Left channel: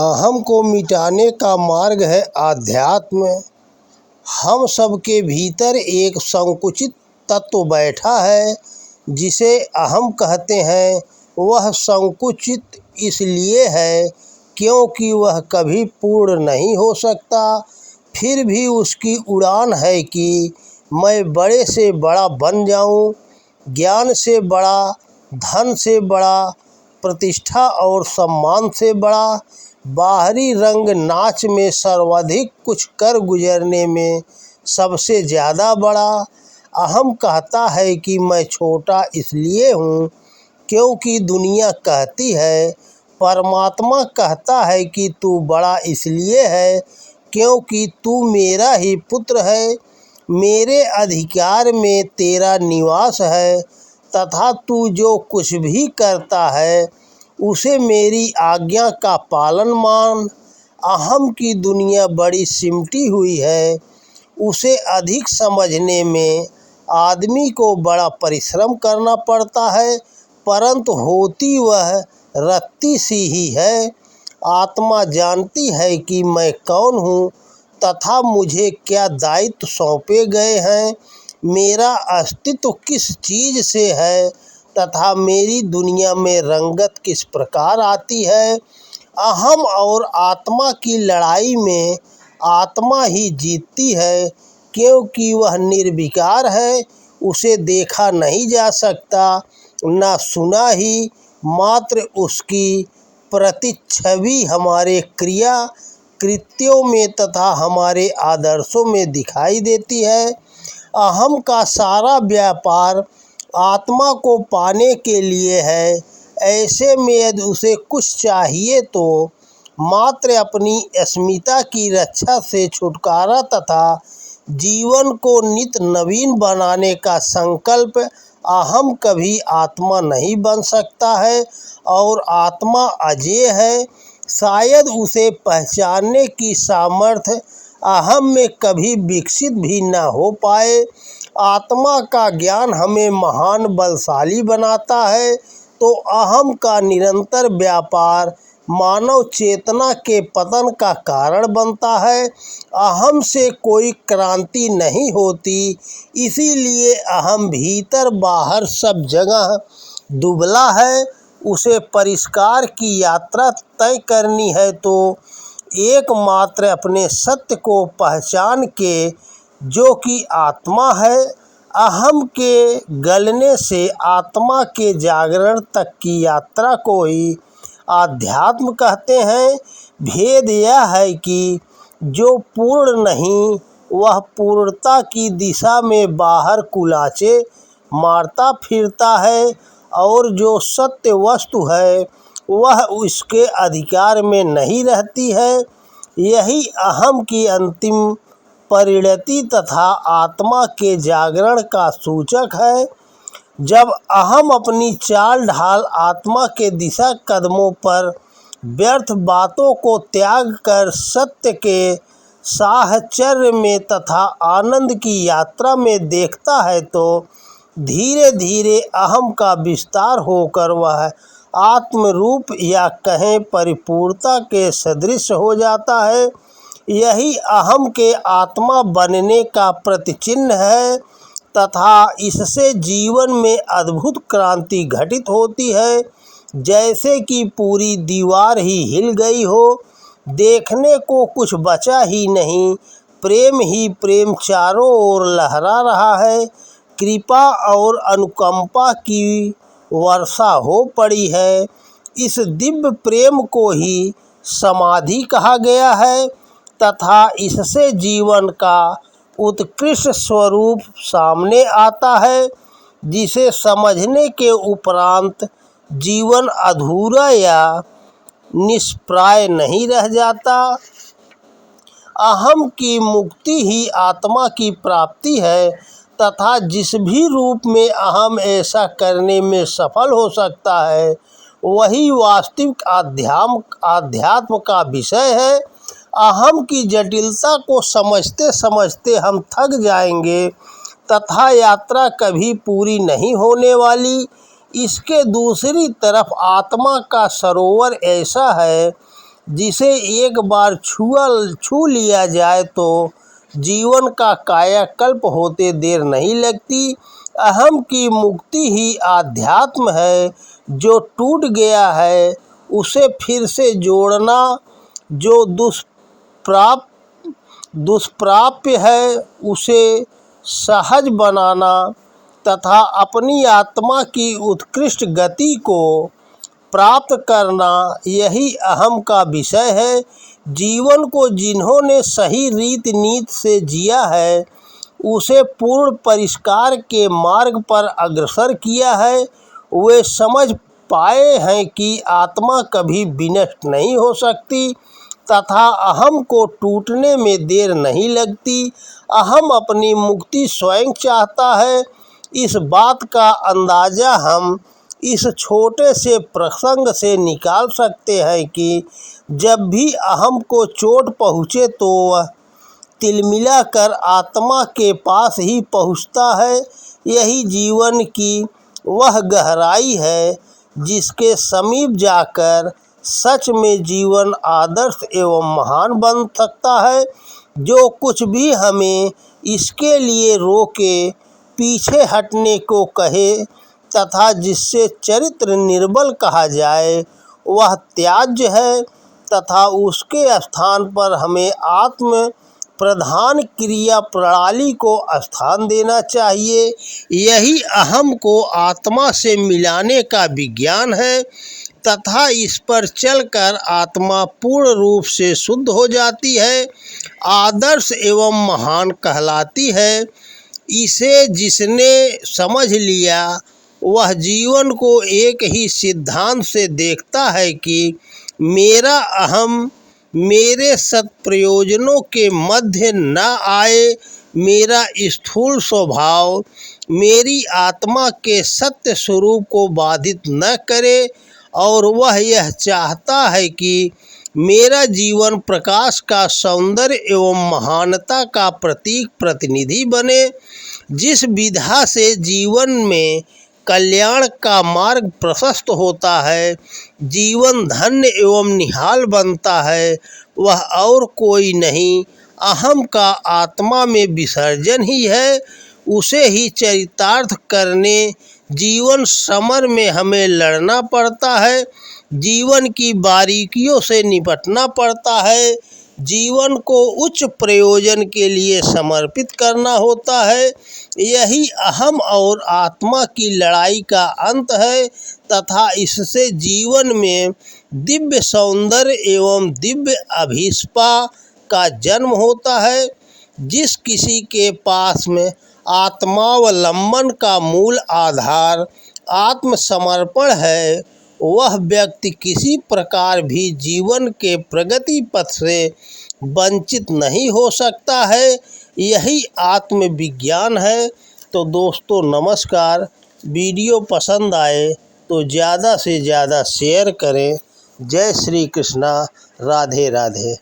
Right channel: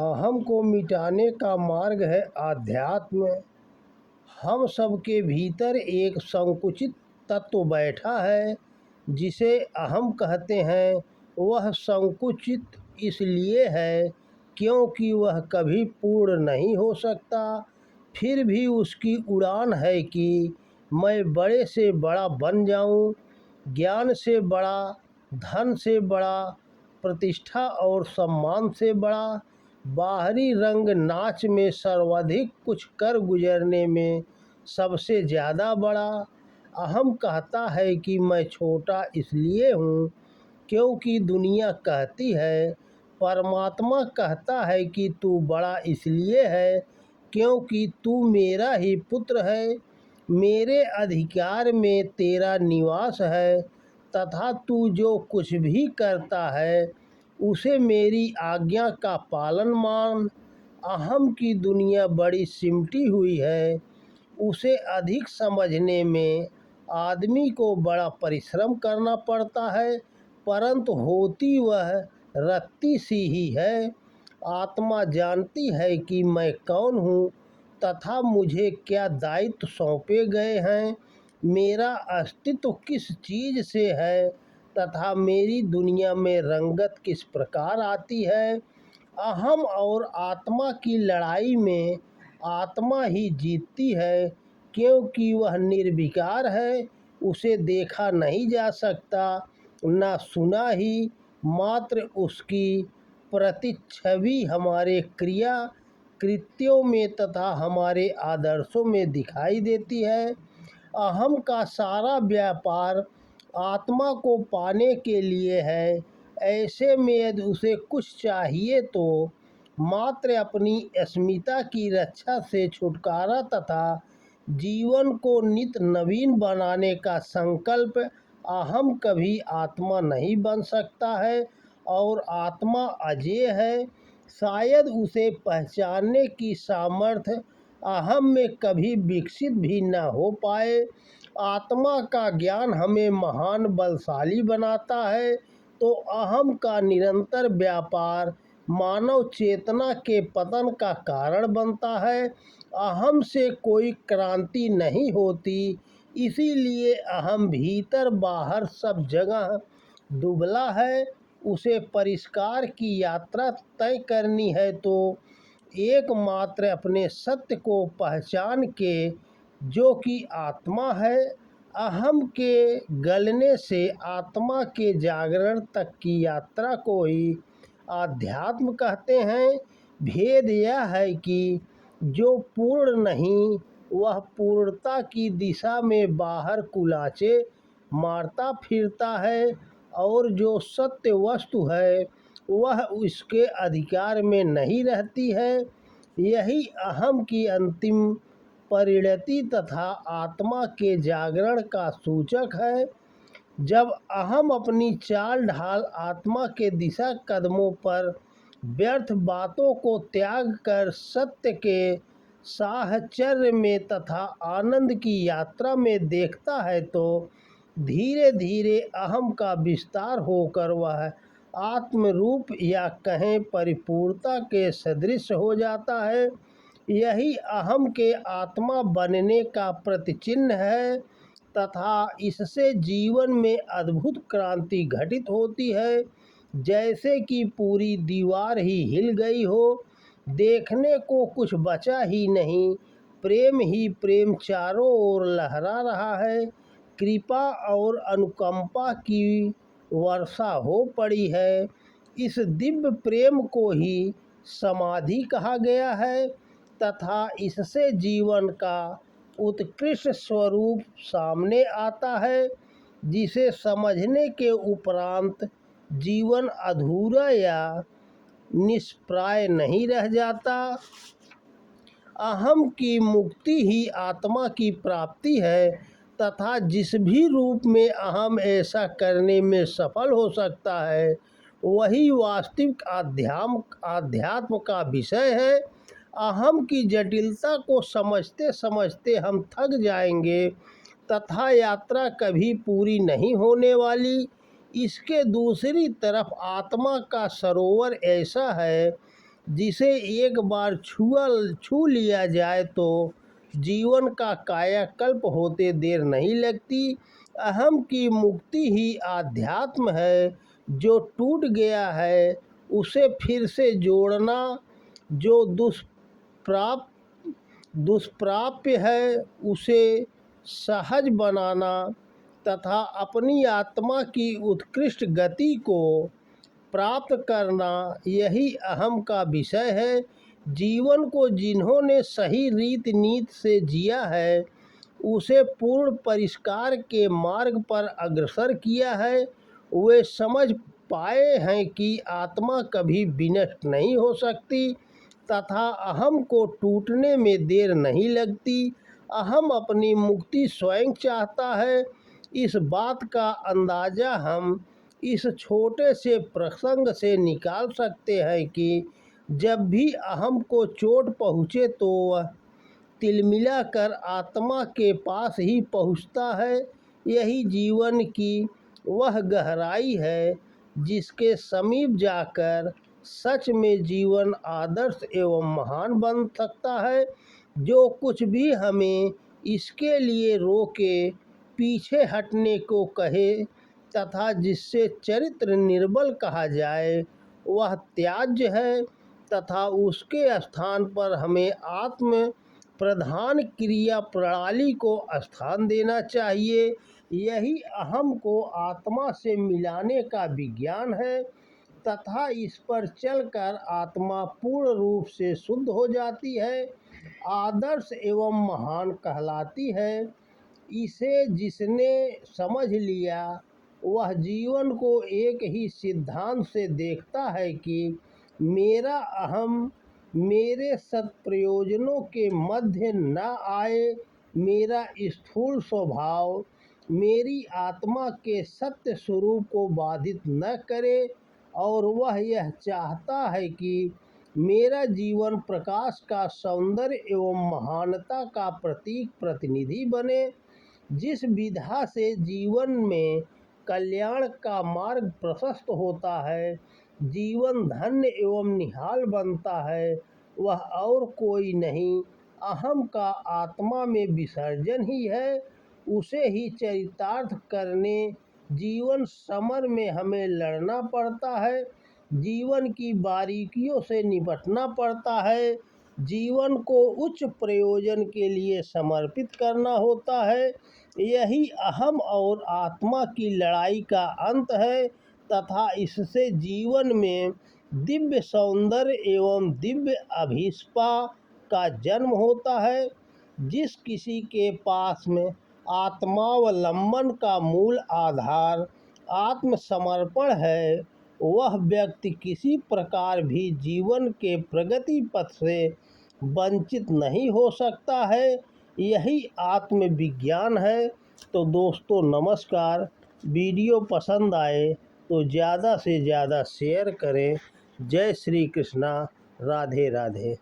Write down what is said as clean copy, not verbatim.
अहम को मिटाने का मार्ग है आध्यात्म। हम सबके भीतर एक संकुचित तत्व बैठा है जिसे अहम कहते हैं। वह संकुचित इसलिए है क्योंकि वह कभी पूर्ण नहीं हो सकता। फिर भी उसकी उड़ान है कि मैं बड़े से बड़ा बन जाऊं, ज्ञान से बड़ा, धन से बड़ा, प्रतिष्ठा और सम्मान से बड़ा, बाहरी रंग नाच में सर्वाधिक कुछ कर गुजरने में सबसे ज़्यादा बड़ा। अहम कहता है कि मैं छोटा इसलिए हूँ क्योंकि दुनिया कहती है। परमात्मा कहता है कि तू बड़ा इसलिए है क्योंकि तू मेरा ही पुत्र है, मेरे अधिकार में तेरा निवास है तथा तू जो कुछ भी करता है उसे मेरी आज्ञा का पालन मान। अहम की दुनिया बड़ी सिमटी हुई है। उसे अधिक समझने में आदमी को बड़ा परिश्रम करना पड़ता है, परंतु होती वह रत्ती सी ही है। आत्मा जानती है कि मैं कौन हूँ तथा मुझे क्या दायित्व सौंपे गए हैं, मेरा अस्तित्व किस चीज़ से है तथा मेरी दुनिया में रंगत किस प्रकार आती है। अहम और आत्मा की लड़ाई में आत्मा ही जीतती है क्योंकि वह निर्विकार है। उसे देखा नहीं जा सकता, न सुना ही, मात्र उसकी प्रतिच्छवि हमारे क्रिया कृत्यों में तथा हमारे आदर्शों में दिखाई देती है। अहम का सारा व्यापार आत्मा को पाने के लिए है। ऐसे में यदि उसे कुछ चाहिए तो मात्र अपनी अस्मिता की रक्षा से छुटकारा तथा जीवन को नित नवीन बनाने का संकल्प। अहम कभी आत्मा नहीं बन सकता है और आत्मा अजेय है। शायद उसे पहचानने की सामर्थ्य अहम में कभी विकसित भी न हो पाए। आत्मा का ज्ञान हमें महान बलशाली बनाता है तो अहम का निरंतर व्यापार मानव चेतना के पतन का कारण बनता है। अहम से कोई क्रांति नहीं होती, इसीलिए अहम भीतर बाहर सब जगह दुबला है। उसे परिष्कार की यात्रा तय करनी है तो एकमात्र अपने सत्य को पहचान के, जो कि आत्मा है। अहम के गलने से आत्मा के जागरण तक की यात्रा को ही आध्यात्म कहते हैं। भेद यह है कि जो पूर्ण नहीं वह पूर्णता की दिशा में बाहर कुलाचे मारता फिरता है और जो सत्य वस्तु है वह उसके अधिकार में नहीं रहती है। यही अहम की अंतिम परिणति तथा आत्मा के जागरण का सूचक है। जब अहम अपनी चाल ढाल आत्मा के दिशा कदमों पर व्यर्थ बातों को त्याग कर सत्य के साहचर्य में तथा आनंद की यात्रा में देखता है तो धीरे धीरे अहम का विस्तार होकर वह आत्मरूप या कहें परिपूर्णता के सदृश हो जाता है। यही अहम के आत्मा बनने का प्रतिचिह्न है तथा इससे जीवन में अद्भुत क्रांति घटित होती है, जैसे कि पूरी दीवार ही हिल गई हो। देखने को कुछ बचा ही नहीं, प्रेम ही प्रेम चारों ओर लहरा रहा है। कृपा और अनुकंपा की वर्षा हो पड़ी है। इस दिव्य प्रेम को ही समाधि कहा गया है तथा इससे जीवन का उत्कृष्ट स्वरूप सामने आता है, जिसे समझने के उपरांत जीवन अधूरा या निष्प्राय नहीं रह जाता। अहम की मुक्ति ही आत्मा की प्राप्ति है तथा जिस भी रूप में अहम ऐसा करने में सफल हो सकता है वही वास्तविक आध्यात्म का विषय है। अहम की जटिलता को समझते समझते हम थक जाएंगे तथा यात्रा कभी पूरी नहीं होने वाली। इसके दूसरी तरफ आत्मा का सरोवर ऐसा है जिसे एक बार छू लिया जाए तो जीवन का कायाकल्प होते देर नहीं लगती। अहम की मुक्ति ही आध्यात्म है। जो टूट गया है उसे फिर से जोड़ना, जो दुष्प्राप्य है उसे सहज बनाना तथा अपनी आत्मा की उत्कृष्ट गति को प्राप्त करना, यही अहम का विषय है। जीवन को जिन्होंने सही रीति नीति से जिया है, उसे पूर्ण परिष्कार के मार्ग पर अग्रसर किया है, वे समझ पाए हैं कि आत्मा कभी विनष्ट नहीं हो सकती तथा अहम को टूटने में देर नहीं लगती। अहम अपनी मुक्ति स्वयं चाहता है। इस बात का अंदाज़ा हम इस छोटे से प्रसंग से निकाल सकते हैं कि जब भी अहम को चोट पहुँचे तो वह तिलमिला कर आत्मा के पास ही पहुँचता है। यही जीवन की वह गहराई है जिसके समीप जाकर सच में जीवन आदर्श एवं महान बन सकता है। जो कुछ भी हमें इसके लिए रोके, पीछे हटने को कहे तथा जिससे चरित्र निर्बल कहा जाए, वह त्याज्य है तथा उसके स्थान पर हमें आत्म प्रधान क्रिया प्रणाली को स्थान देना चाहिए। यही अहम को आत्मा से मिलाने का विज्ञान है तथा इस पर चलकर आत्मा पूर्ण रूप से शुद्ध हो जाती है, आदर्श एवं महान कहलाती है। इसे जिसने समझ लिया वह जीवन को एक ही सिद्धांत से देखता है कि मेरा अहम मेरे सत्प्रयोजनों के मध्य न आए, मेरा स्थूल स्वभाव मेरी आत्मा के सत्य स्वरूप को बाधित न करे और वह यह चाहता है कि मेरा जीवन प्रकाश का सौंदर्य एवं महानता का प्रतीक प्रतिनिधि बने। जिस विधा से जीवन में कल्याण का मार्ग प्रशस्त होता है, जीवन धन्य एवं निहाल बनता है, वह और कोई नहीं अहम का आत्मा में विसर्जन ही है। उसे ही चरितार्थ करने जीवन समर में हमें लड़ना पड़ता है, जीवन की बारीकियों से निपटना पड़ता है, जीवन को उच्च प्रयोजन के लिए समर्पित करना होता है। यही अहम और आत्मा की लड़ाई का अंत है तथा इससे जीवन में दिव्य सौंदर्य एवं दिव्य अभिष्पा का जन्म होता है। जिस किसी के पास में आत्मावलंबन का मूल आधार आत्मसमर्पण है, वह व्यक्ति किसी प्रकार भी जीवन के प्रगति पथ से वंचित नहीं हो सकता है। यही आत्मविज्ञान है। तो दोस्तों नमस्कार। वीडियो पसंद आए तो ज़्यादा से ज़्यादा शेयर करें। जय श्री कृष्णा। राधे राधे।